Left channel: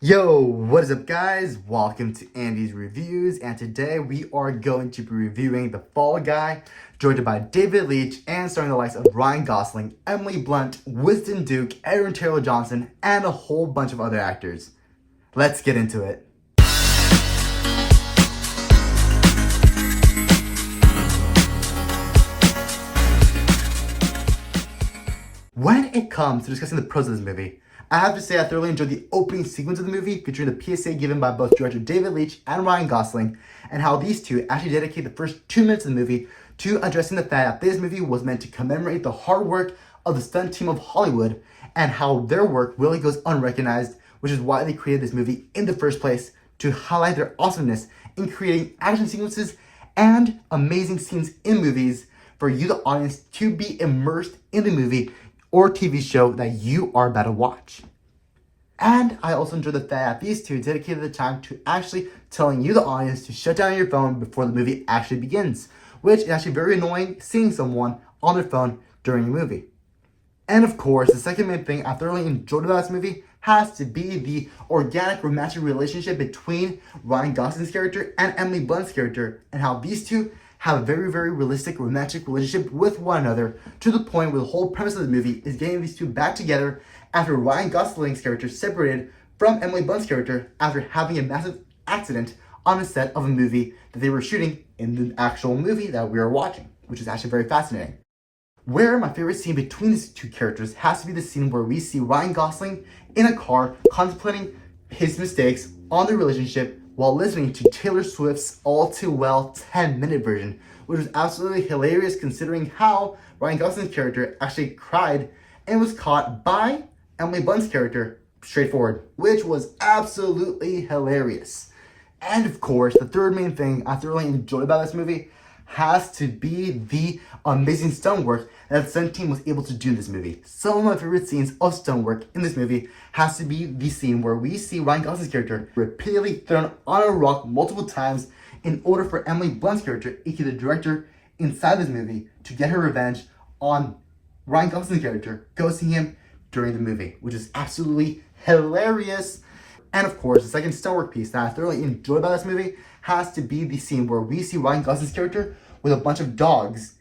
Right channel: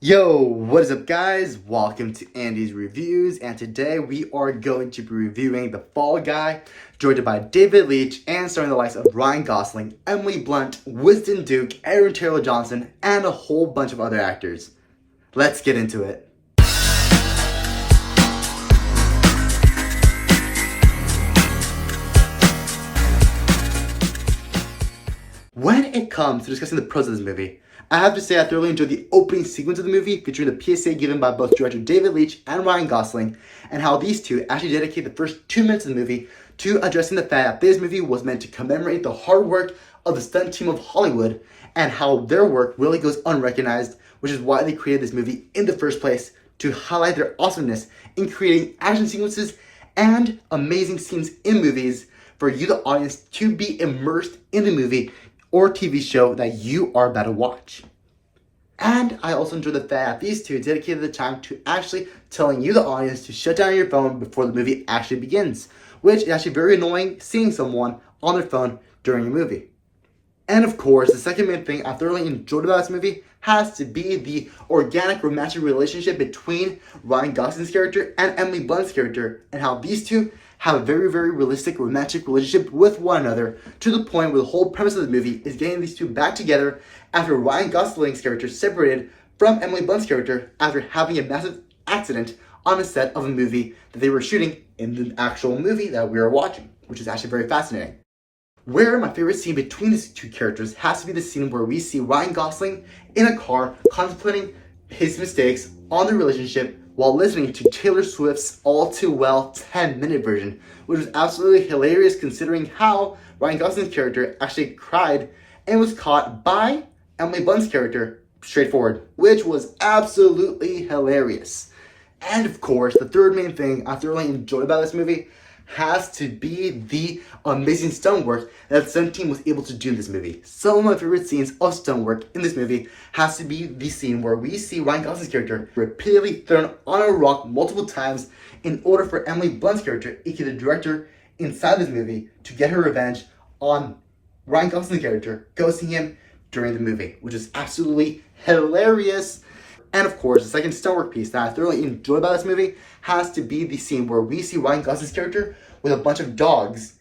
Yo, what is up guys? Welcome to Andy's Reviews, and today we are going to be reviewing The Fall Guy, directed by David Leitch and starring the likes of Ryan Gosling, Emily Blunt, Winston Duke, Aaron Taylor Johnson, and a whole bunch of other actors. Let's get into it. When it comes to discussing the pros of this movie, I have to say I thoroughly enjoyed the opening sequence of the movie featuring the PSA given by both director David Leitch and Ryan Gosling, and how these two actually dedicate the first 2 minutes of the movie to addressing the fact that this movie was meant to commemorate the hard work of the stunt team of Hollywood and how their work really goes unrecognized, which is why they created this movie in the first place, to highlight their awesomeness in creating action sequences and amazing scenes in movies for you, the audience, to be immersed in the movie or TV show that you are about to watch. And I also enjoy the fact that these two dedicated the time to actually telling you, the audience, to shut down your phone before the movie actually begins, which is actually very annoying seeing someone on their phone during a movie. And of course, the second main thing I thoroughly enjoyed about this movie has to be the organic romantic relationship between Ryan Gosling's character and Emily Blunt's character, and how these two have a very, very realistic romantic relationship with one another, to the point where the whole premise of the movie is getting these two back together after Ryan Gosling's character separated from Emily Blunt's character after having a massive accident on a set of a movie that they were shooting in the actual movie that we are watching, which is actually very fascinating. Where my favorite scene between these two characters has to be the scene where we see Ryan Gosling in a car contemplating his mistakes on the relationship while listening to Taylor Swift's All Too Well 10-minute version, which was absolutely hilarious considering how Ryan Gosling's character actually cried and was caught by Emily Blunt's character straightforward, which was absolutely hilarious. And of course, the third main thing I thoroughly enjoyed about this movie has to be the amazing stunt work that the stunt team was able to do in this movie. Some of my favorite scenes of stunt work in this movie has to be the scene where we see Ryan Gosling's character repeatedly thrown on a rock multiple times in order for Emily Blunt's character, aka the director inside this movie, to get her revenge on Ryan Gosling's character, ghosting him during the movie, which is absolutely hilarious. And of course, the second stunt work piece that I thoroughly enjoyed about this movie has to be the scene where we see Ryan Gosling's character with a bunch of dogs,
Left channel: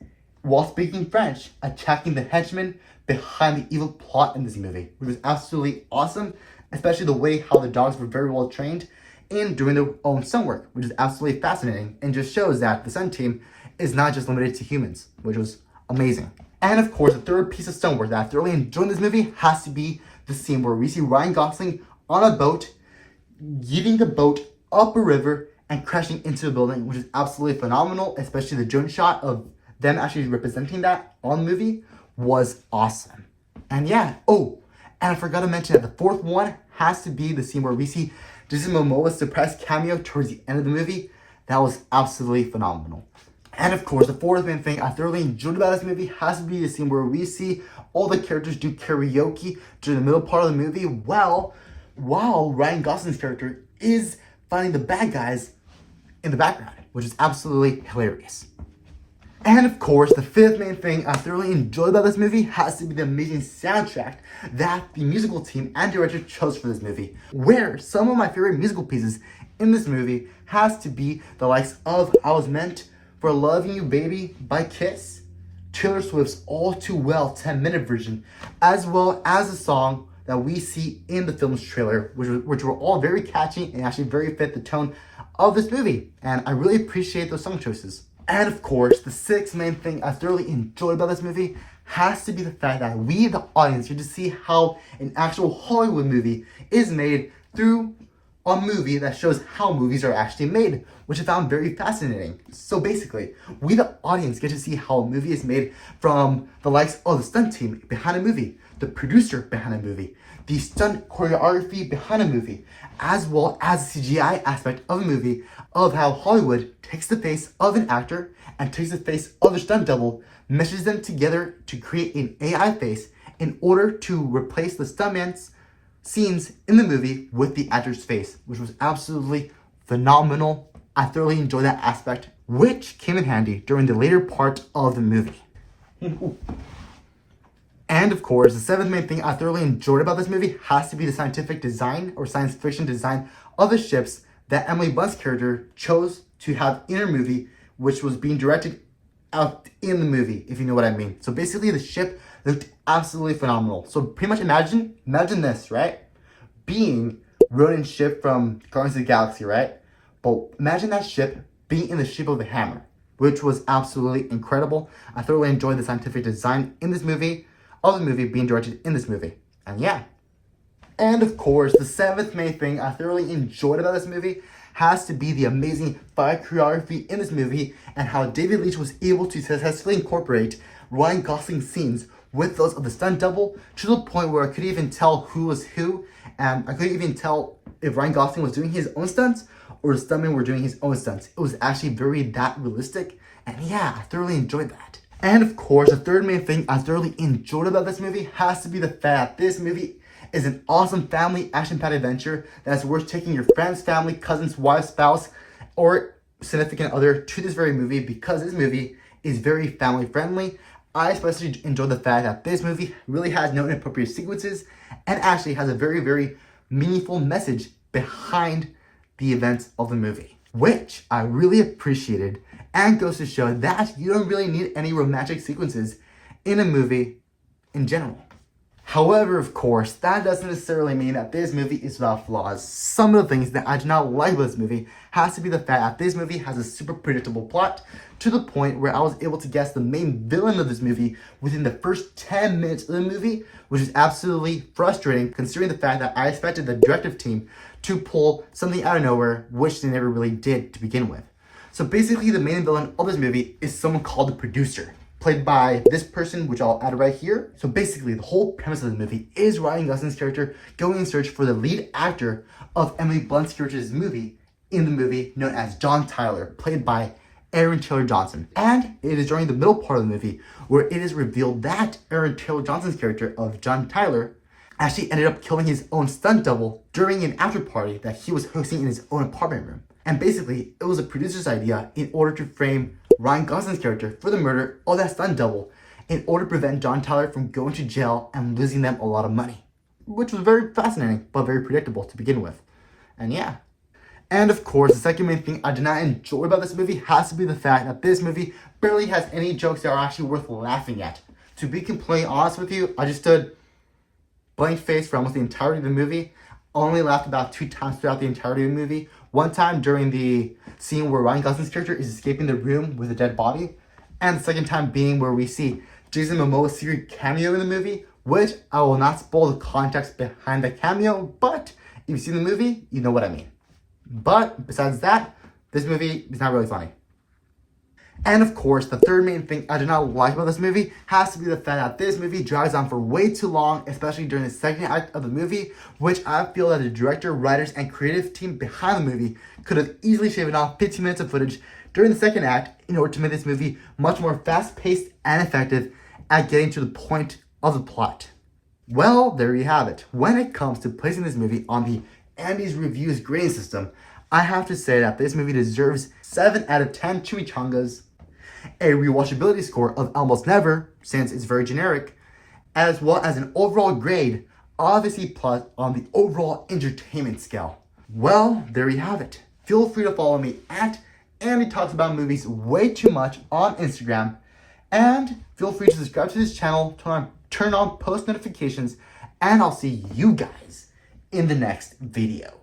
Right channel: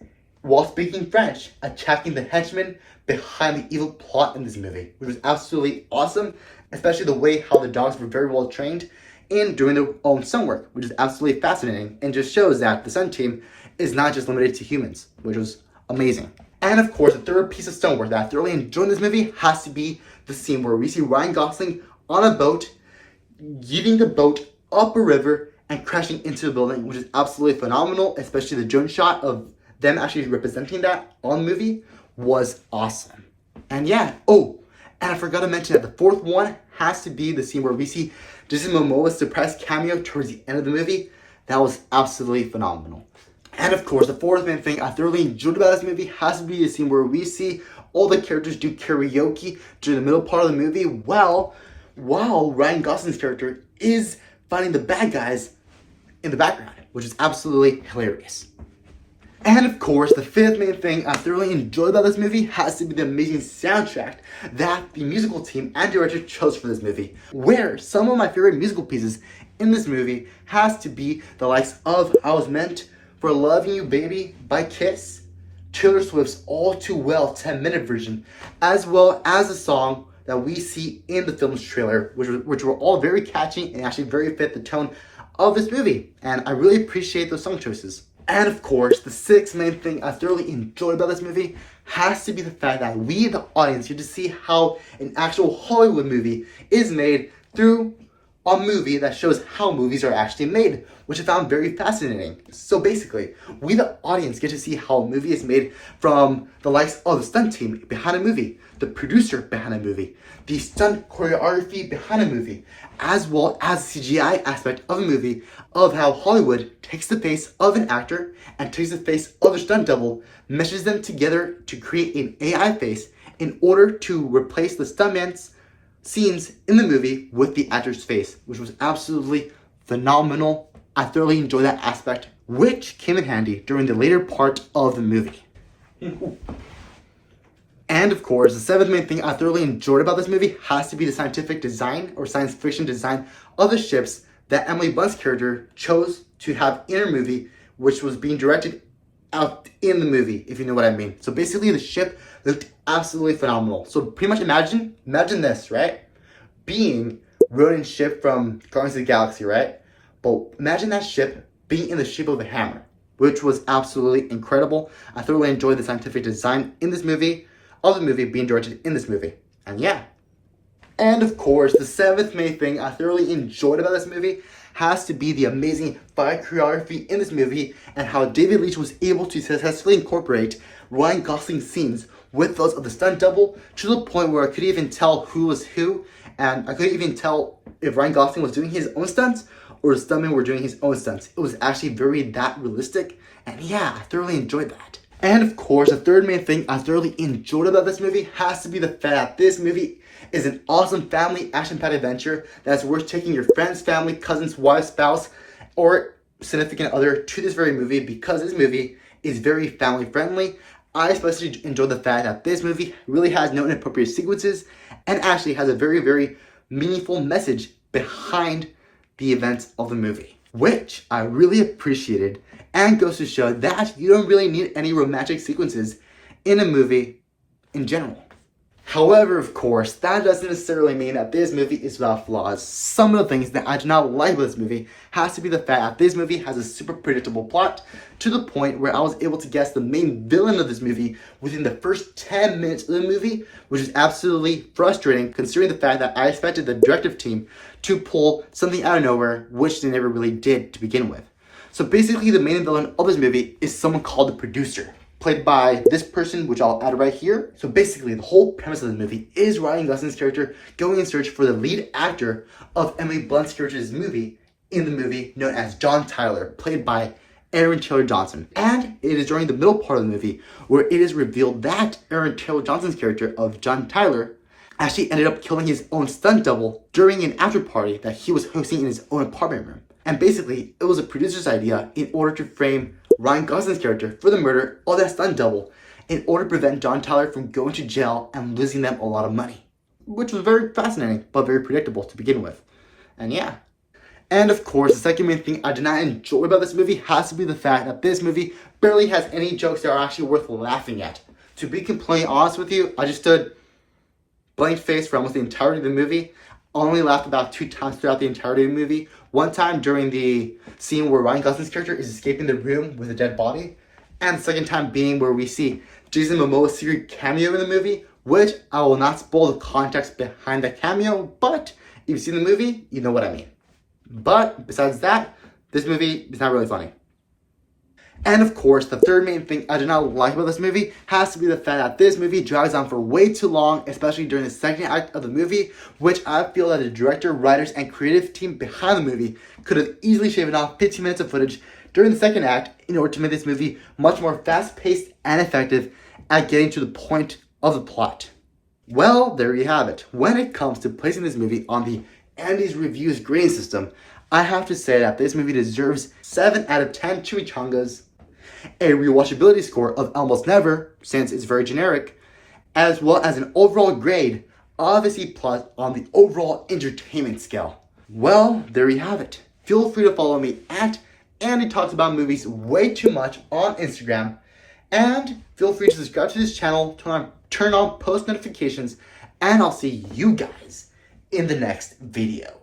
while speaking French, attacking the henchmen behind the evil plot in this movie, which was absolutely awesome, especially the way how the dogs were very well trained in doing their own stunt work, which is absolutely fascinating and just shows that the stunt team is not just limited to humans, which was amazing. And of course, the third piece of stunt work that I thoroughly enjoyed in this movie has to be the scene where we see Ryan Gosling on a boat, getting the boat up a river and crashing into the building, which is absolutely phenomenal, especially the drone shot of them actually representing that on the movie was awesome. And yeah, and I forgot to mention that the fourth one has to be the scene where we see Jason Momoa's surprise cameo towards the end of the movie. That was absolutely phenomenal. And of course, the fourth main thing I thoroughly enjoyed about this movie has to be the scene where we see all the characters do karaoke during the middle part of the movie, while Ryan Gosling's character is finding the bad guys in the background, which is absolutely hilarious. And of course, the fifth main thing I thoroughly enjoyed about this movie has to be the amazing soundtrack that the musical team and director chose for this movie, where some of my favorite musical pieces in this movie has to be the likes of I Was Meant for Loving You Baby by Kiss, Taylor Swift's All Too Well 10-minute version, as well as the song that we see in the film's trailer, which were all very catchy and actually very fit the tone of this movie. And I really appreciate those song choices. And of course, the sixth main thing I thoroughly enjoyed about this movie has to be the fact that we, the audience, get to see how an actual Hollywood movie is made through a movie that shows how movies are actually made, which I found very fascinating. So basically, we, the audience, get to see how a movie is made from the likes of the stunt team behind a movie, the producer behind a movie, the stunt choreography behind a movie, as well as the CGI aspect of a movie, of how Hollywood takes the face of an actor and takes the face of a stunt double, meshes them together to create an AI face in order to replace the stuntman's scenes in the movie with the actor's face, which was absolutely phenomenal. I thoroughly enjoyed that aspect, which came in handy during the later part of the movie. And of course, the seventh main thing I thoroughly enjoyed about this movie has to be the scientific design or science fiction design of the ships that Emily Blunt's character chose to have in her movie, which was being directed out in the movie, if you know what I mean. So basically the ship looked absolutely phenomenal. So pretty much imagine this, right? Being Ronan's ship from Guardians of the Galaxy, right? But imagine that ship being in the shape of a hammer, which was absolutely incredible. I thoroughly enjoyed the scientific design in this movie, of the movie being directed in this movie. And yeah. And of course, the seventh main thing I thoroughly enjoyed about this movie has to be the amazing fight choreography in this movie and how David Leitch was able to successfully incorporate Ryan Gosling's scenes with those of the stunt double to the point where I could even tell who was who, and I couldn't even tell if Ryan Gosling was doing his own stunts or the stuntmen were doing his own stunts. It was actually very that realistic, and yeah, I thoroughly enjoyed that. And of course, the third main thing I thoroughly enjoyed about this movie has to be the fact that this movie is an awesome family action-packed adventure that's worth taking your friends, family, cousins, wife, spouse, or significant other to this very movie because this movie is very family-friendly. I especially enjoyed the fact that this movie really has no inappropriate sequences and actually has a very, very meaningful message behind the events of the movie, which I really appreciated and goes to show that you don't really need any romantic sequences in a movie in general. However, of course, that doesn't necessarily mean that this movie is without flaws. Some of the things that I do not like about this movie has to be the fact that this movie has a super predictable plot to the point where I was able to guess the main villain of this movie within the first 10 minutes of the movie, which is absolutely frustrating considering the fact that I expected the directive team to pull something out of nowhere, which they never really did to begin with. So basically the main villain of this movie is someone called the producer, played by this person, which I'll add right here. So basically, the whole premise of the movie is Ryan Gosling's character going in search for the lead actor of Emily Blunt's character's movie in the movie known as John Tyler, played by Aaron Taylor Johnson. And it is during the middle part of the movie where it is revealed that Aaron Taylor Johnson's character of John Tyler actually ended up killing his own stunt double during an after party that he was hosting in his own apartment room. And basically, it was a producer's idea in order to frame Ryan Gosling's character for the murder of that stunt double in order to prevent John Tyler from going to jail and losing them a lot of money. Which was very fascinating, but very predictable to begin with. And yeah. And of course, the second main thing I did not enjoy about this movie has to be the fact that this movie barely has any jokes that are actually worth laughing at. To be completely honest with you, I just stood blank face for almost the entirety of the movie. Only laughed about 2 times throughout the entirety of the movie. One time during the scene where Ryan Gosling's character is escaping the room with a dead body. And the second time being where we see Jason Momoa's secret cameo in the movie, which I will not spoil the context behind the cameo, but if you've seen the movie, you know what I mean. But besides that, this movie is not really funny. And of course, the third main thing I do not like about this movie has to be the fact that this movie drags on for way too long, especially during the second act of the movie, which I feel that the director, writers, and creative team behind the movie could have easily shaved off 15 minutes of footage during the second act in order to make this movie much more fast-paced and effective at getting to the point of the plot. Well, there you have it. When it comes to placing this movie on the Andy's Reviews grading system, I have to say that this movie deserves 7 out of 10 chimichangas, a rewatchability score of almost never, since it's very generic, as well as an overall grade of a C+ on the overall entertainment scale. Well, there you have it. Feel free to follow me at Andy Talks About Movies Way Too Much on Instagram, and feel free to subscribe to this channel, turn on post notifications, and I'll see you guys in the next video.